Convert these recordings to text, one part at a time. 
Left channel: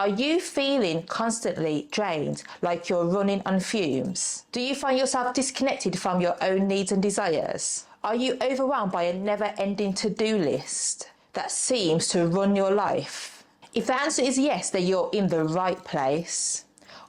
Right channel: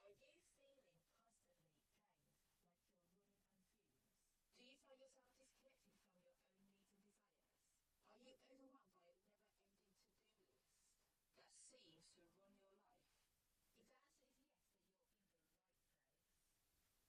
Are you feeling constantly drained, like you're running on fumes? Do you find yourself disconnected from your own needs and desires? Are you overwhelmed by a never-ending to-do list that seems to run your life? If the answer is yes, then you're in the right place.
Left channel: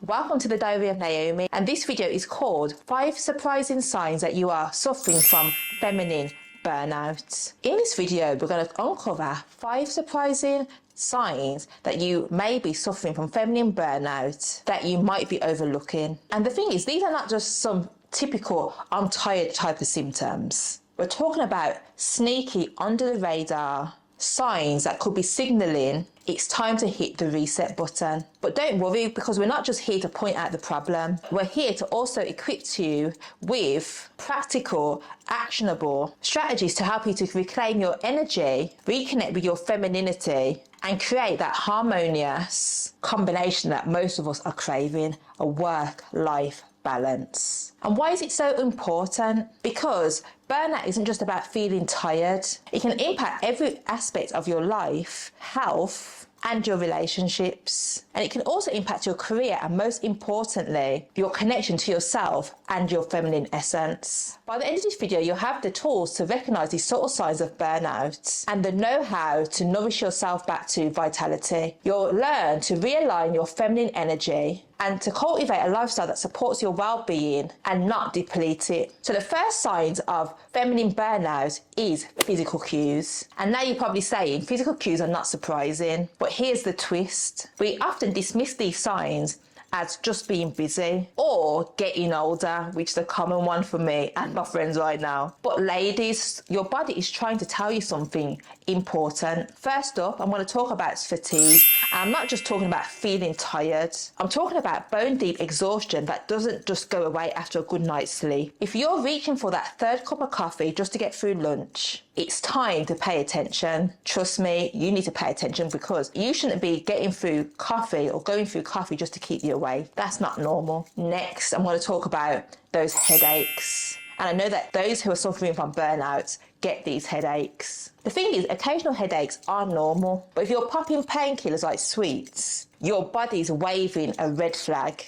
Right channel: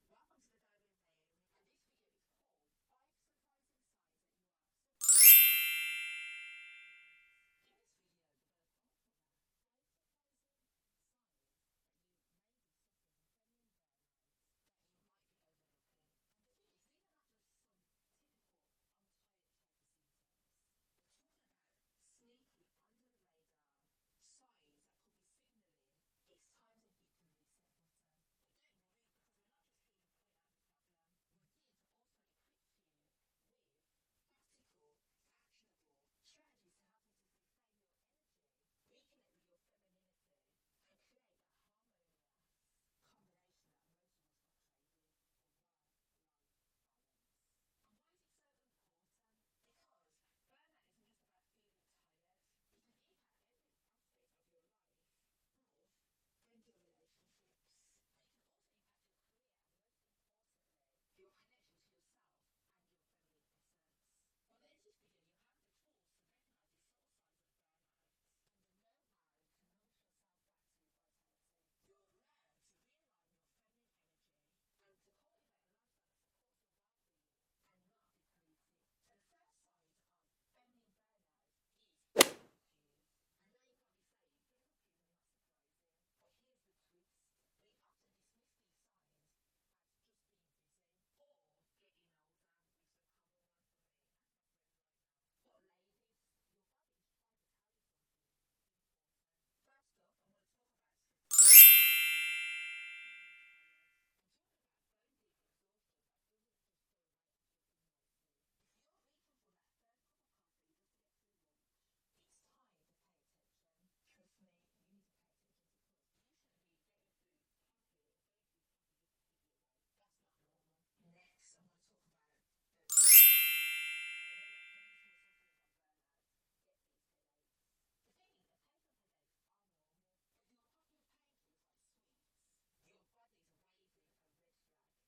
Welcome to the Diary of Naomi, and this video is called 5 Surprising Signs that you are suffering from feminine burnout. In this video, we're going to uncover 5 surprising signs that you may be suffering from feminine burnout that you might be overlooking. And the thing is, these are not just some typical I'm tired type of symptoms. We're talking about sneaky, under the radar signs that could be signaling it's time to hit the reset button. But don't worry, because we're not just here to point out the problem. We're here to also equip you with practical, actionable strategies to help you to reclaim your energy, reconnect with your femininity, and create that harmonious combination that most of us are craving, a work-life balance. And why is it so important? Because burnout isn't just about feeling tired. It can impact every aspect of your life, health, and your relationships. And it can also impact your career and, most importantly, your connection to yourself and your feminine essence. By the end of this video, you'll have the tools to recognize these subtle signs of burnout and the know-how to nourish yourself back to vitality. You'll learn to realign your feminine energy and to cultivate a lifestyle that supports your well-being and not deplete it. So the first signs of feminine burnout is physical cues. And now you're probably saying physical cues are not surprising, but here's the twist. We often dismiss these signs as just being busy or getting older, which is a common one for me and my friends right now. But ladies, your body is trying to tell you something important. First up, I'm going to talk about fatigue. And I'm not just talking about feeling tired. I'm talking about bone deep exhaustion that doesn't just go away after a good night's sleep. If you're reaching for that third cup of coffee just to get through lunch, it's time to pay attention. Trust me, you need to pay attention, because you shouldn't be getting through coffee or going through coffee just to keep you awake. That's not normal. Next, I'm going to talk about those headaches. And I know that those who are suffering from burnout get these headaches. The thing is, occasional headaches are normal, but if you're popping painkillers like sweets, your body's waving a red flag.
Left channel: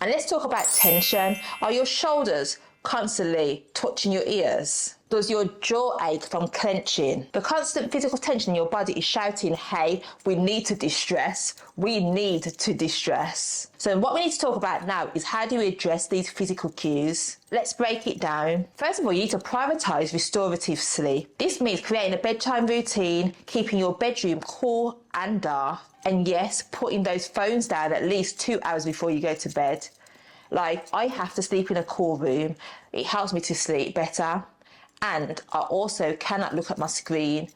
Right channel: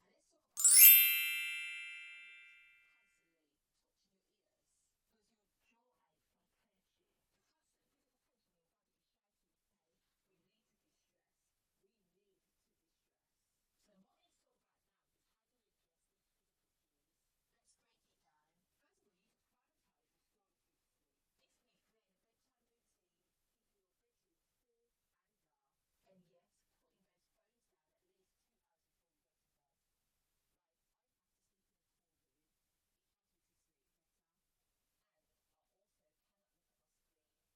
And let's talk about tension. Are your shoulders constantly touching your ears? Does your jaw ache from clenching? The constant physical tension in your body is shouting, hey, we need to distress. We need to distress. So what we need to talk about now is, how do we address these physical cues? Let's break it down. First of all, you need to prioritize restorative sleep. This means creating a bedtime routine, keeping your bedroom cool and dark, and yes, putting those phones down at least 2 hours before you go to bed. Like, I have to sleep in a cool room. It helps me to sleep better. And I also cannot look at my screen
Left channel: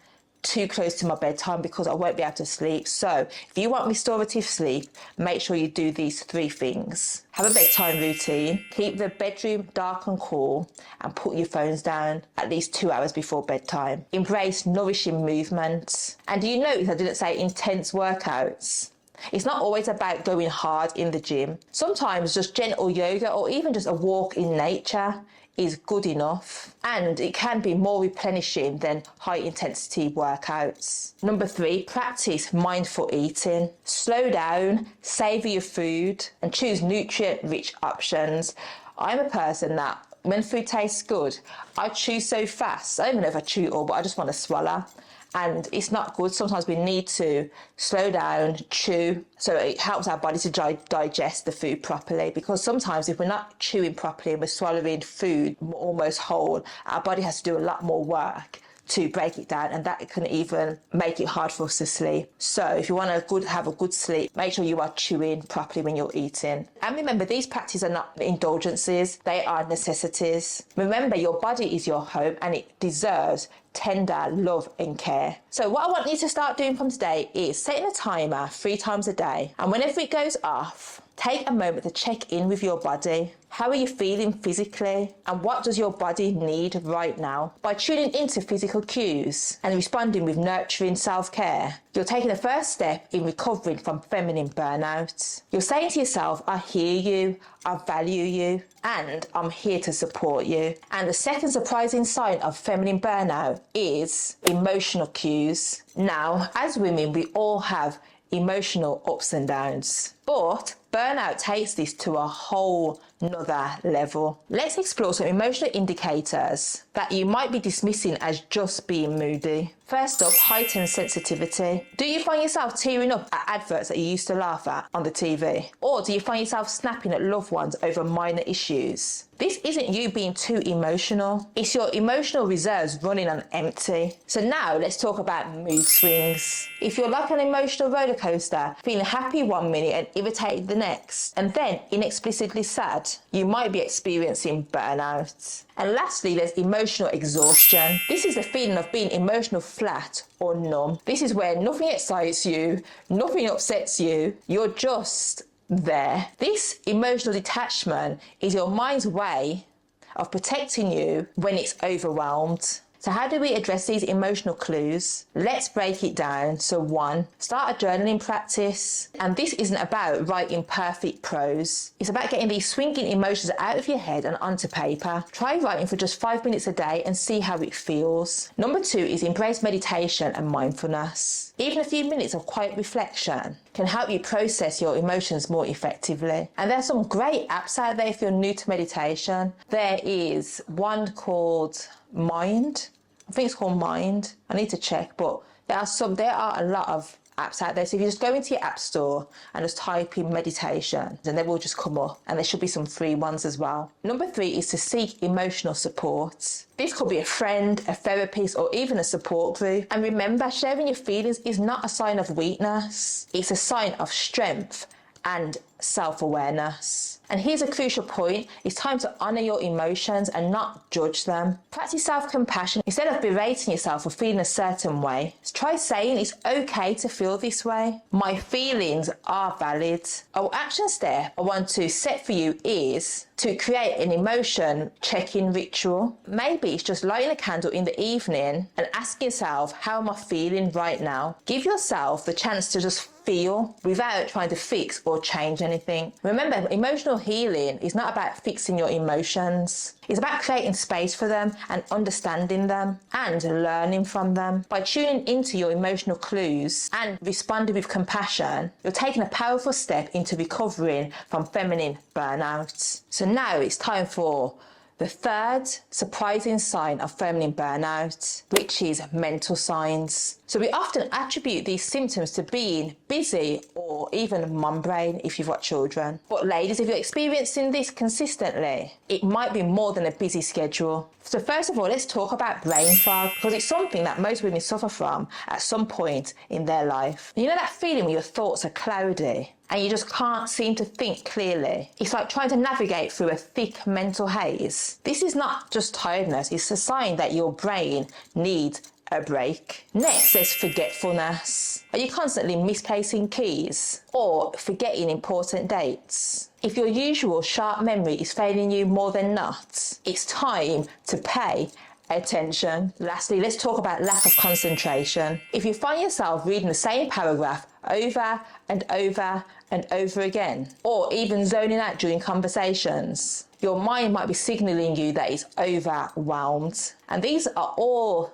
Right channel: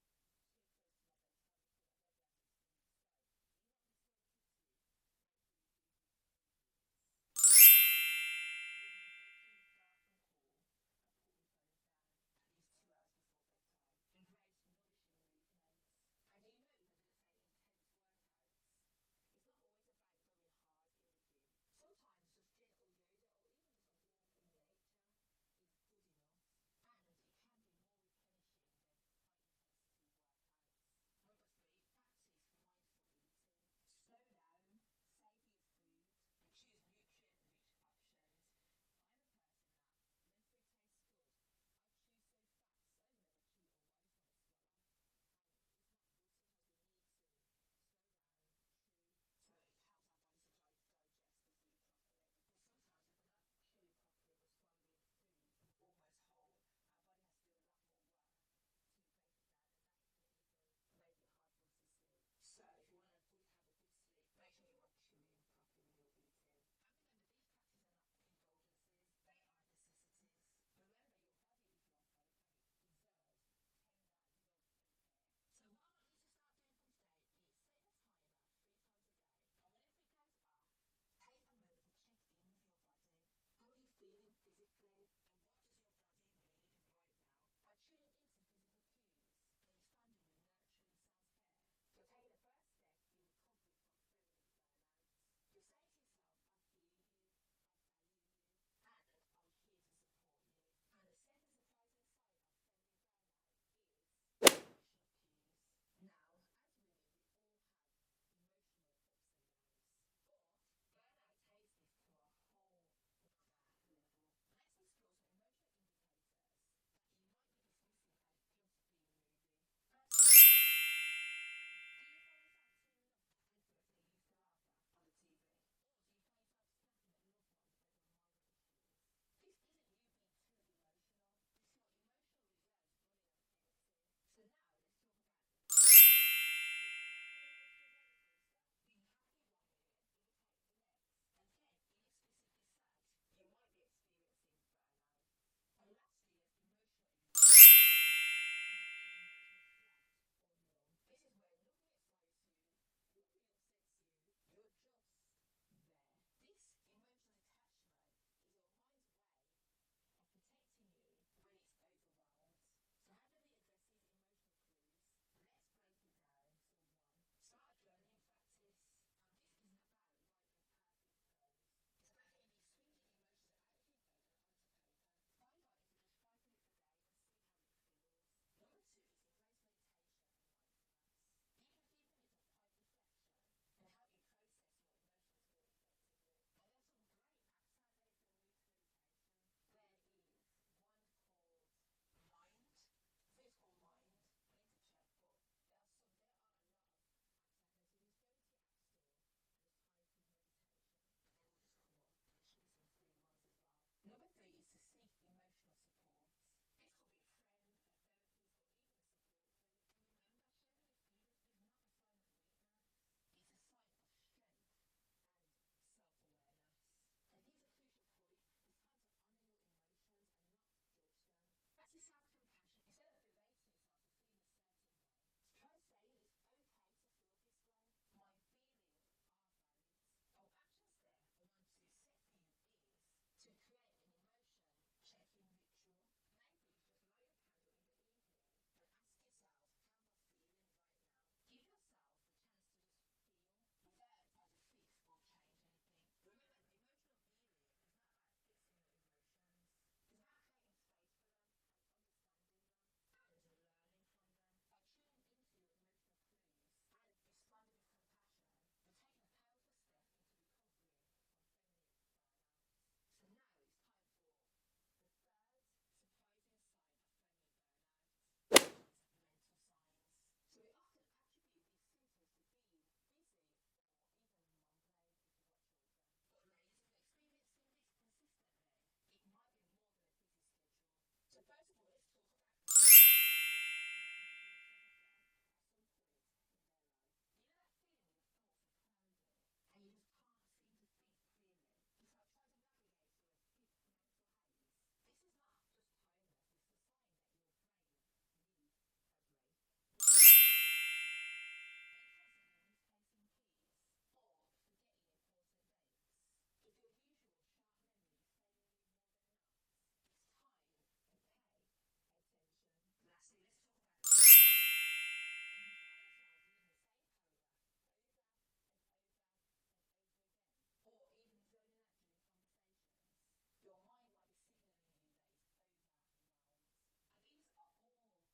too close to my bedtime, because I won't be able to sleep. So if you want restorative sleep, make sure you do these 3 things. Have a bedtime routine, keep the bedroom dark and cool, and put your phones down at least 2 hours before bedtime. Embrace nourishing movement. And do you notice I didn't say intense workouts? It's not always about going hard in the gym. Sometimes just gentle yoga or even just a walk in nature is good enough, and it can be more replenishing than high intensity workouts. Number 3, practice mindful eating. Slow down, savor your food, and choose nutrient rich options. I'm a person that when food tastes good, I chew so fast. I don't even know if I chew it all, but I just want to swallow. And it's not good. Sometimes we need to slow down, chew, so it helps our body to digest the food properly. Because sometimes if we're not chewing properly and we're swallowing food almost whole, our body has to do a lot more work to break it down, and that can even make it hard for us to sleep. So if you want to have a good sleep, make sure you are chewing properly when you're eating. And remember, these practices are not indulgences, they are necessities. Remember, your body is your home and it deserves tender love and care. So what I want you to start doing from today is setting a timer 3 times a day, and whenever it goes off, take a moment to check in with your body. How are you feeling physically? And what does your body need right now? By tuning into physical cues and responding with nurturing self-care, you're taking the first step in recovering from feminine burnout. You're saying to yourself, I hear you, I value you, and I'm here to support you. And the second surprising sign of feminine burnout is emotional cues. Now, as women, we all have emotional ups and downs. But burnout takes this to a whole nother level. Let's explore some emotional indicators that you might be dismissing as just being moody. First up, heightened sensitivity. Do you find yourself tearing up at adverts that you used to laugh at on the TV? Or do you find yourself snapping at loved ones over minor issues? This isn't you being too emotional. It's your emotional reserves running on empty. So now let's talk about mood swings. If you're like an emotional roller coaster, feeling happy one minute and irritated the next, and then inexplicably sad, you might be experiencing burnout. And lastly, there's emotional exhaustion. This is the feeling of being emotional flat or numb. This is where nothing excites you, nothing upsets you, you're just there. This emotional detachment is your mind's way of protecting you when it's overwhelmed. So how do we address these emotional clues? Let's break it down. So 1, start a journaling practice. And this isn't about writing perfect prose. It's about getting these swinging emotions out of your head and onto paper. Try writing for just 5 minutes a day and see how it feels. Number 2 is embrace meditation and mindfulness. Even a few minutes of quiet reflection can help you process your emotions more effectively. And there's some great apps out there if you're new to meditation. There is one called Mind. I think it's called Mind. I need to check, but there are a lot of apps out there. So if you just go into your app store and just type in meditation, then they will just come up, and there should be some free ones as well. Number 3 is to seek emotional support. This could be a friend, a therapist, or even a support group. And remember, sharing your feelings is not a sign of weakness. It's a sign of strength and self-awareness. And here's a crucial point. It's time to honour your emotions and not judge them. Practice self-compassion. Instead of berating yourself for feeling a certain way, try saying it's okay to feel this way. My feelings are valid. Our action step I want to set for you is to create an emotion check-in ritual. Maybe it's just lighting a candle in the evening and asking yourself, how am I feeling right now? Give yourself the chance to just feel without trying to fix or change anything. Remember, emotional healing is not about fixing your emotions. It's about creating space for them and understanding them and learning from them. By tuning into your emotional clues and responding with compassion, you're taking a powerful step into recovering from feminine burnout. So now it's time for the third surprising sign of feminine burnout, which is mental signs. So we often attribute these symptoms to being busy or even mum brain if you've got children. But ladies, if you're experiencing this consistently, it might be more than a busy schedule. So first of all, let's talk about brain fog, because it's something that most women suffer from at some point in their life. You know that feeling when your thoughts are cloudy and you just can't seem to think clearly? It's like trying to navigate through a thick mental haze. This is not just tiredness, it's a sign that your brain needs a break. Next, there's forgetfulness. Are you constantly misplacing keys or forgetting important dates? If your usual sharp memory is failing you more than not, it's time to pay attention. Lastly, let's talk about lack of concentration. If you find yourself reading the same paragraph over and over and over again, or even zoning out during conversations, your mind might be signaling you that it's overwhelmed. And these are all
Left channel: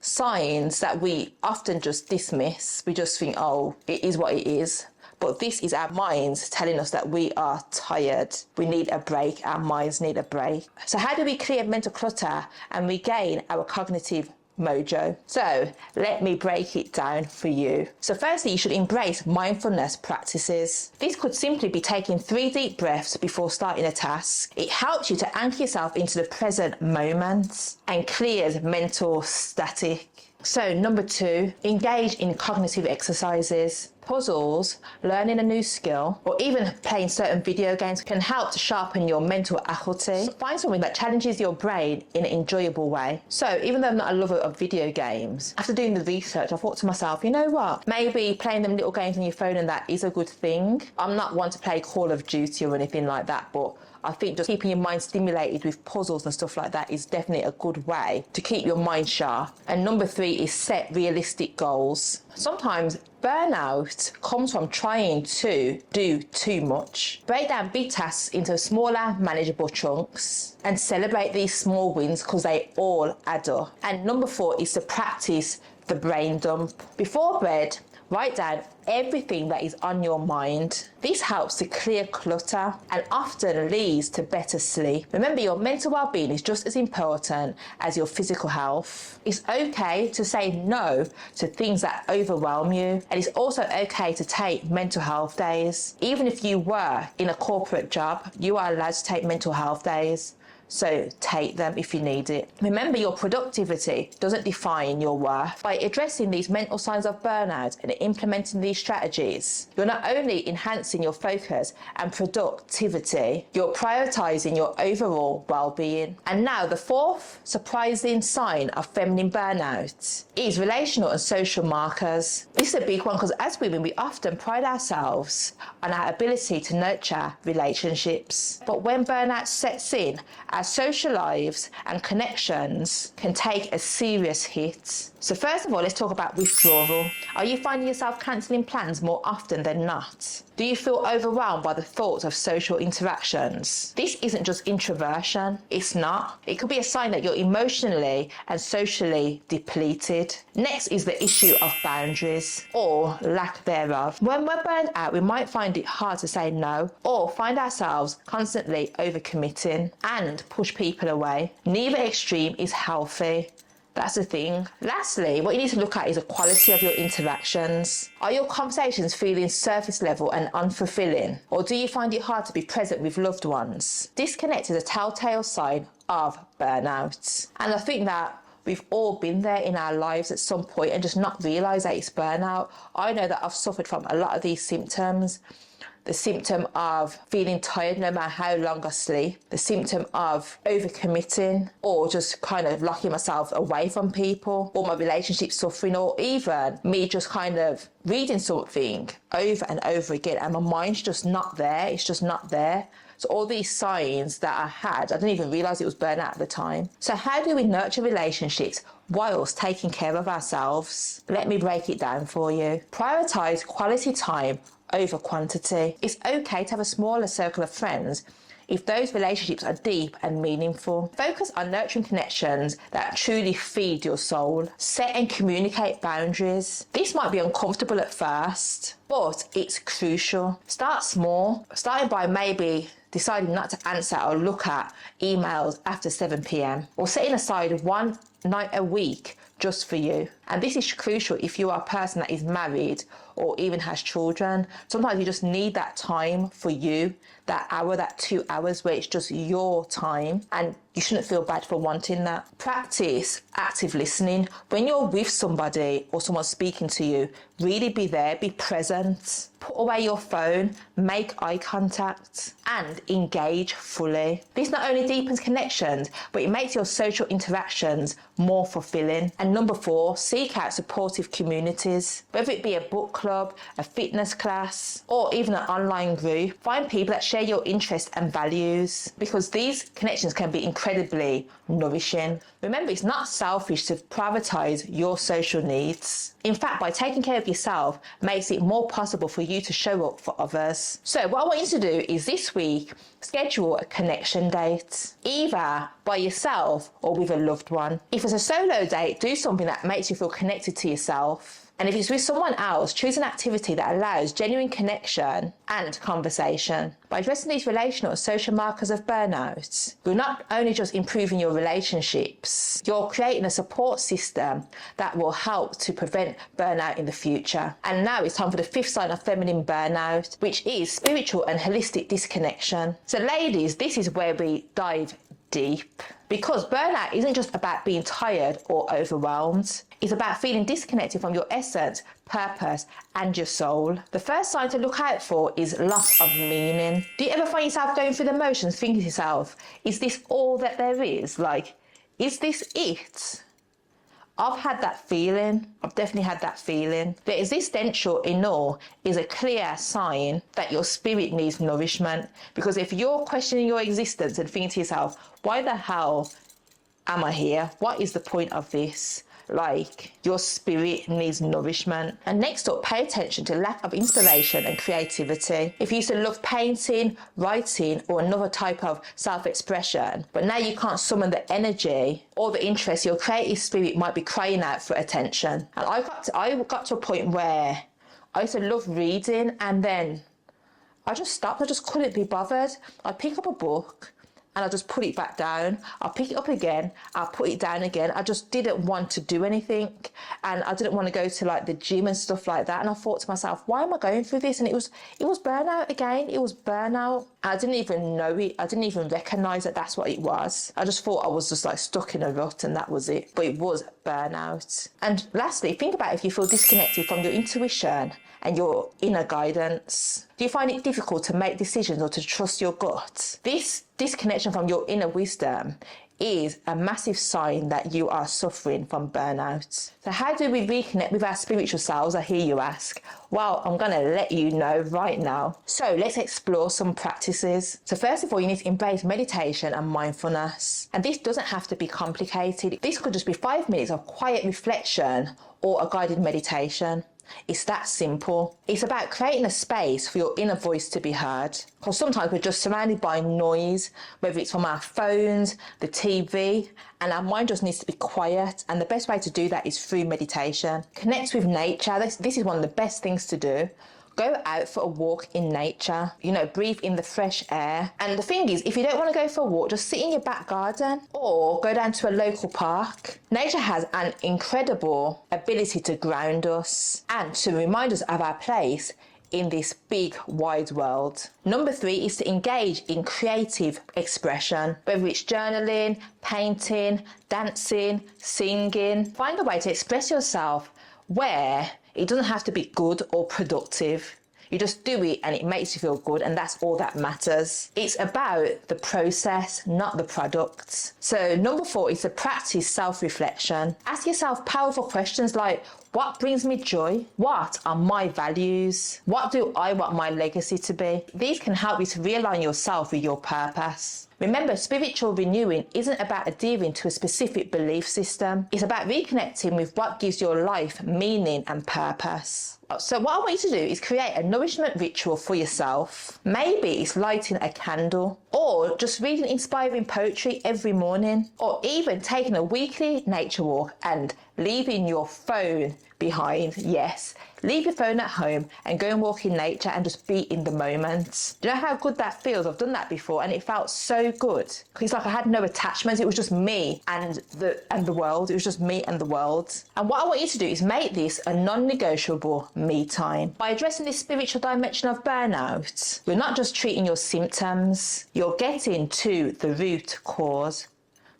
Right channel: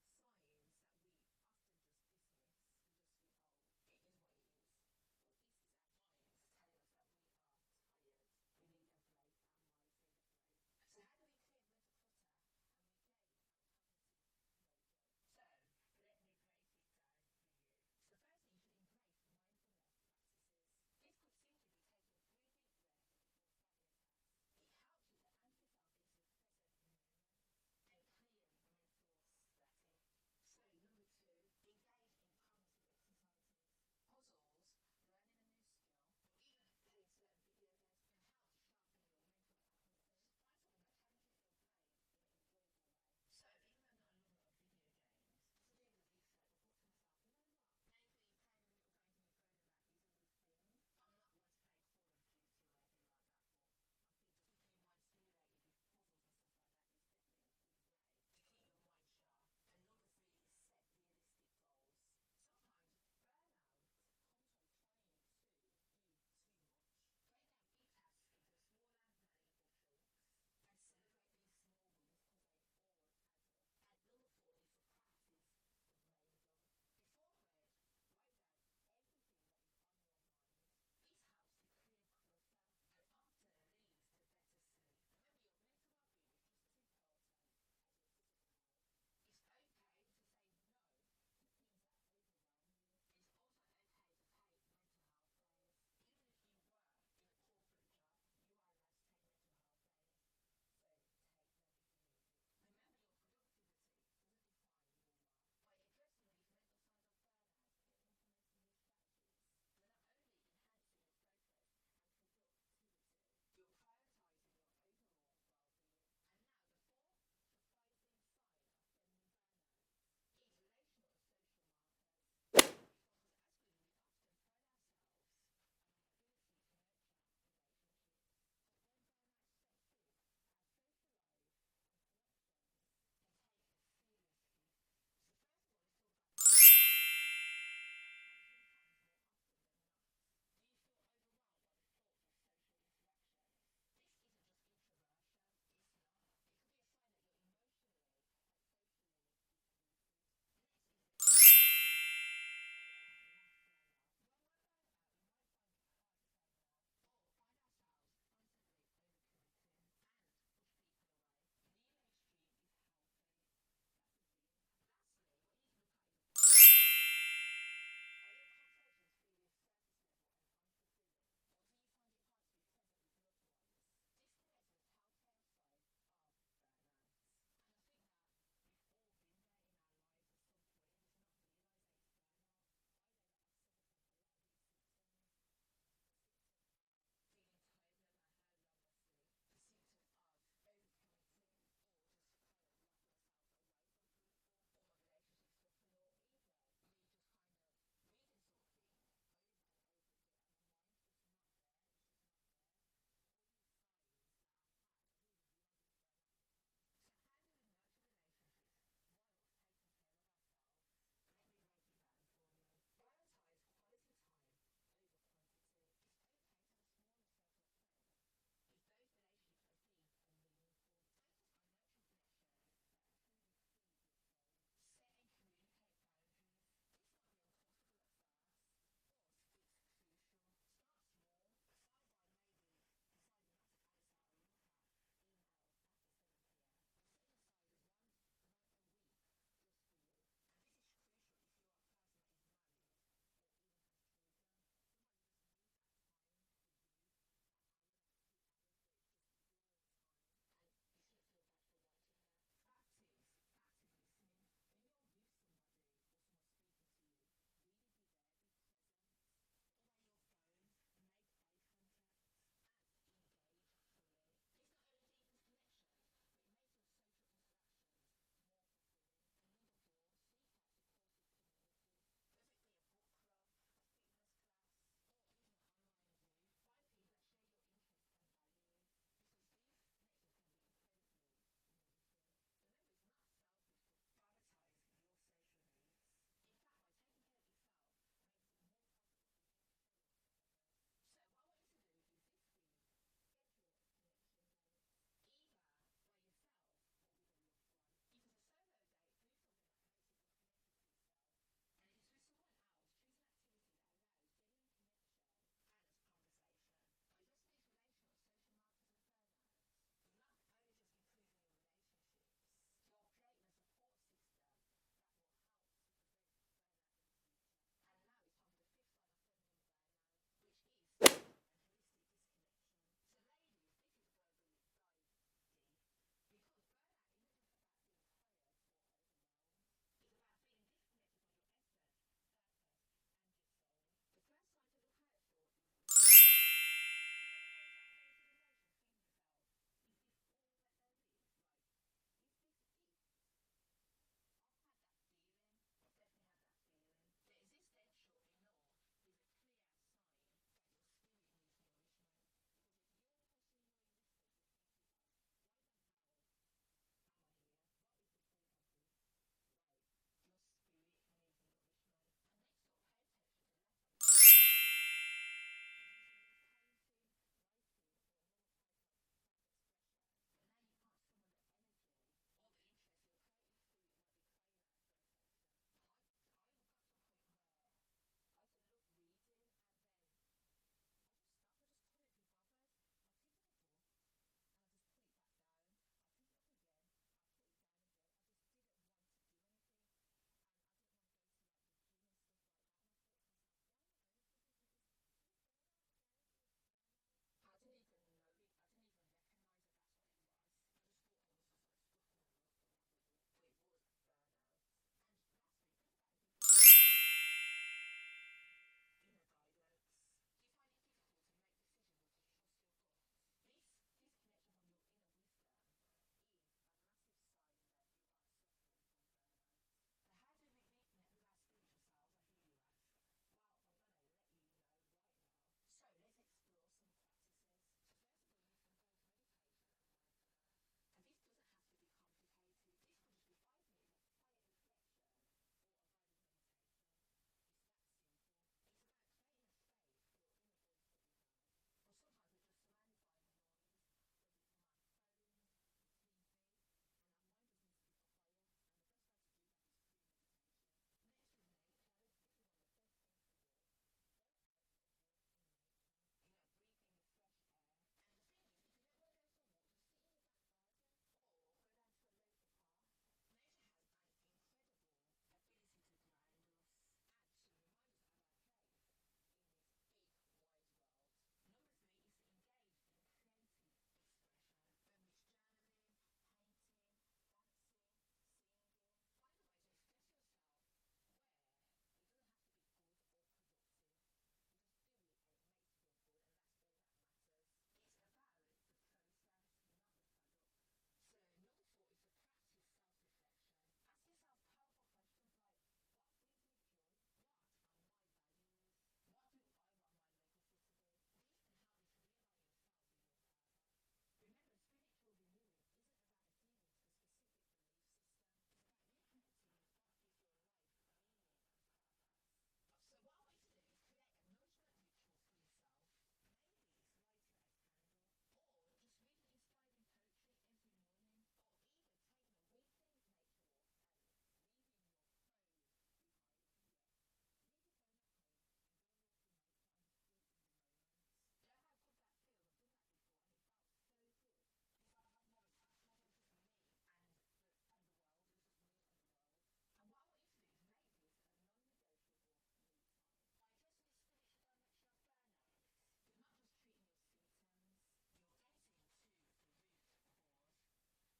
signs that we often just dismiss. We just think, oh, it is what it is. But this is our minds telling us that we are tired. We need a break. Our minds need a break. So how do we clear mental clutter and regain our cognitive mojo? So let me break it down for you. So firstly, you should embrace mindfulness practices. This could simply be taking 3 deep breaths before starting a task. It helps you to anchor yourself into the present moment and clears mental static. So number 2, engage in cognitive exercises. Puzzles, learning a new skill, or even playing certain video games can help to sharpen your mental acuity. Find something that challenges your brain in an enjoyable way. So even though I'm not a lover of video games, after doing the research, I thought to myself, you know what? Maybe playing them little games on your phone and that is a good thing. I'm not one to play Call of Duty or anything like that, but I think just keeping your mind stimulated with puzzles and stuff like that is definitely a good way to keep your mind sharp. And number 3 is set realistic goals. Sometimes burnout comes from trying to do too much. Break down big tasks into smaller, manageable chunks and celebrate these small wins because they all add up. And number 4 is to practice the brain dump. Before bed, write down everything that is on your mind. This helps to clear clutter and often leads to better sleep. Remember, your mental well-being is just as important as your physical health. It's okay to say no to things that overwhelm you, and it's also okay to take mental health days. Even if you were in a corporate job, you are allowed to take mental health days. So take them if you need it. Remember, your productivity doesn't define your worth. By addressing these mental signs of burnout and implementing these strategies, you're not only enhancing your focus and productivity, you're prioritizing your overall well-being. And now the fourth surprising sign of feminine burnout is relational and social markers. This is a big one because as women, we often pride ourselves on our ability to nurture relationships. But when burnout sets in, our social lives and connections can take a serious hit. So first of all, let's talk about withdrawal. Are you finding yourself cancelling plans more often than not? Do you feel overwhelmed by the thoughts of social interactions? This isn't just introversion. It's not. It could be a sign that you're emotionally and socially depleted. Next is the issue of boundaries or lack thereof. When we're burned out, we might find it hard to say no or find ourselves constantly overcommitting and push people away. Neither extreme is healthy. That's the thing. Lastly, what you need to look at is the quality of your interactions. Are your conversations feeling surface level and unfulfilling? Or do you find it hard to be present with loved ones? Disconnect is a telltale sign of burnout. And I think that we've all been there in our lives at some point and just not realise that it's burnout. I know that I've suffered from a lot of these symptoms. The symptom of feeling tired no matter how long I sleep, the symptom of overcommitting or just kind of locking myself away from people, or my relationship suffering, or even me just kind of reading something over and over again and my mind's just not there, it's just not there. So all these signs that I had, I didn't even realise it was burnout at the time. So how do we nurture relationships whilst taking care of ourselves? Let me break it down for you. Prioritise quality time over quantity. It's okay to have a smaller circle of friends if those relationships are deep and meaningful. Focus on nurturing connections that truly feed your soul. Set and communicate boundaries. This might be uncomfortable at first, but it's crucial. Start small, starting by maybe deciding not to answer or look at emails after 7 p.m. or setting aside one night a week just for you. And this is crucial if you are a person that is married or even has children. Sometimes you just need that time for you, that hour, that 2 hours where it's just your time, and you shouldn't feel bad for wanting that. Practice active listening. When you're with somebody or someone speaking to you, really be there, be present. Put away your phone, make eye contact, and engage fully. This not only deepens connections, but it makes your social interactions more fulfilling. And number 4, seek out supportive communities. Whether it be a book club, a fitness class, or even an online group, find people that share your interests and values, because these connections can be incredibly nourishing. Remember, it's not selfish to prioritise your social needs. In fact, by taking care of yourself makes it more possible for you to show up for others. So what I want you to do is this week, schedule a connection date, either by yourself or with a loved one. If it's a solo date, do something that makes you feel connected to yourself. And if it's with someone else, choose an activity that allows genuine connection and conversation. By addressing these relational and social markers of burnout, you're not only just improving your relationships, you're creating a support system that will help to prevent burnout in the future. And now it's time for the 5th sign of feminine burnout, which is spiritual and holistic disconnection. So ladies, this is where we dive deep. Because burnout isn't just about being tired or overwhelmed. It's about feeling disconnected from your essence, purpose, and your soul. The first sign to look out for is loss of meaning. Do you ever find yourself going through the motions, thinking to yourself, is this all that there is? Like, is this it? I've had that feeling. I've definitely had that feeling. The existential ignore is a clear sign that your spirit needs nourishment. Because if you're questioning your existence and thinking to yourself, why the hell am I here? What is the point of this? Like, your spirit needs nourishment. And next up, pay attention to lack of inspiration and creativity. If you used to love painting, writing, or another type of self-expression, but now you can't summon the energy or the interest, your creative spirit might be crying out for attention. And I got to a point where I used to love reading, and then I just stopped. I just couldn't be bothered. I'd pick up a book and I just put it back down. I'll pick it up again, I'll put it down again. I just didn't want to do anything, and I didn't want to go to like the gym and stuff like that. And I thought to myself, why am I going through this? And it was burnout again. It was burnout. I didn't even know it. I didn't even recognize that that's what it was. I just thought I was just like stuck in a rut and that was it. But it was burnout. And lastly, think about if you feel disconnected from your intuition and your inner guidance. Do you find it difficult to make decisions or to trust your gut? This disconnection from your inner wisdom is a massive sign that you are suffering from burnout. So how do we reconnect with our spiritual selves, I hear you ask? Well, I'm going to let you know right now. So let's explore some practices. So first of all, you need to embrace meditation and mindfulness. And this doesn't have to be complicated. This could just be 5 minutes of quiet reflection or a guided meditation. It's that simple. It's about creating a space for your inner voice to be heard. Because sometimes we're just surrounded by noise, whether it's from our phones, the TV, and our mind just needs to be quiet. And the best way to do that is through meditation. Connect with nature. This is one of the best things to do. Go out for a walk in nature, breathe in the fresh air. And the thing is, if you don't want to go for a walk, just sit in your back garden or go down to a local park. Nature has an incredible ability to ground us and to remind us of our place in this big, wide world. Number 3 is to engage in creative expression, whether it's journaling, painting, dancing, singing. Find a way to express yourself where it doesn't have to be good or productive. You just do it and it makes you feel good, and that's all that matters. It's about the process, not the product. So number 4 is to practice self-reflection. Ask yourself powerful questions like, what brings me joy? What are my values? What do I want my legacy to be? These can help you to realign yourself with your purpose. Remember, spiritual renewing isn't about adhering to a specific belief system. It's about reconnecting with what gives your life meaning and purpose. So what I want you to do is create a nourishment ritual for yourself. Maybe it's lighting a candle, or just reading inspiring poetry every morning, or even taking a weekly nature walk and leaving your phone behind. Yes, leave your phone at home and go and walk in nature and just be in the moment. Do you know how good that feels? I've done that before and it felt so good. It's like I had no attachments. It was just me and the world. It was just me and the world. And what I want you to do is make this a non-negotiable me time. By addressing this spiritual dimension of burnout, you're not just treating your symptoms, you're getting to the root cause,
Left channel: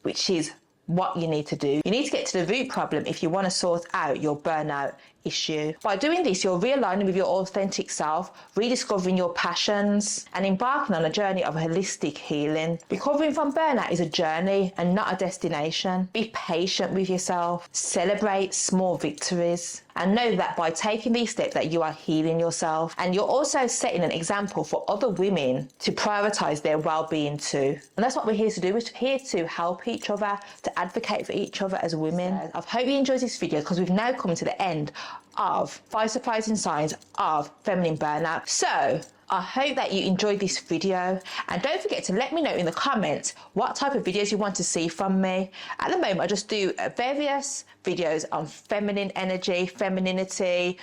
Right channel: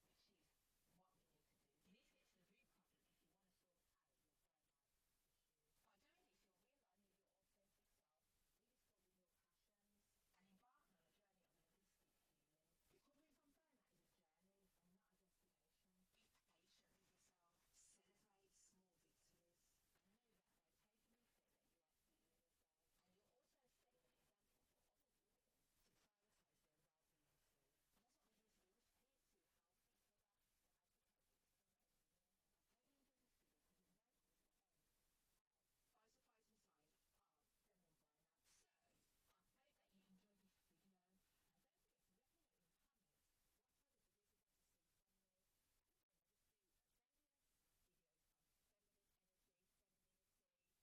which is what you need to do. You need to get to the root problem if you want to sort out your burnout issue. By doing this, you're realigning with your authentic self, rediscovering your passions, and embarking on a journey of holistic healing. Recovering from burnout is a journey and not a destination. Be patient with yourself, celebrate small victories, and know that by taking these steps that you are healing yourself, and you're also setting an example for other women to prioritize their well-being too. And that's what we're here to do. We're here to help each other, to advocate for each other as women. I hope you enjoyed this video, because we've now come to the end of 5 surprising signs of feminine burnout. So I hope that you enjoyed this video, and don't forget to let me know in the comments what type of videos you want to see from me. At the moment I just do various videos on feminine energy, femininity,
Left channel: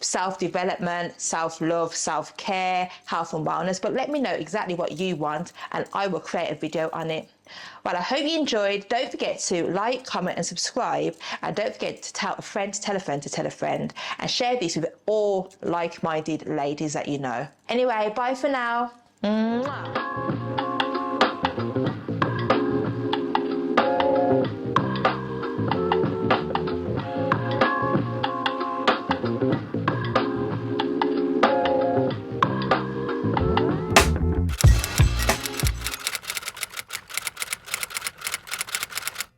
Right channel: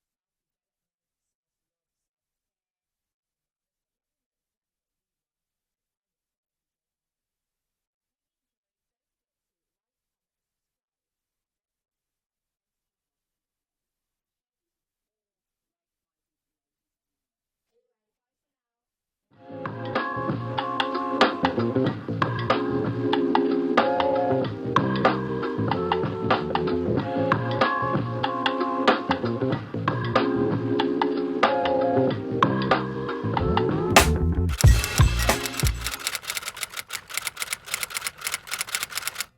self-development, self-love, self-care, health and wellness, but let me know exactly what you want and I will create a video on it. Well, I hope you enjoyed. Don't forget to like, comment and subscribe, and don't forget to tell a friend to tell a friend to tell a friend, and share this with all like-minded ladies that you know. Anyway, bye for now. Mwah.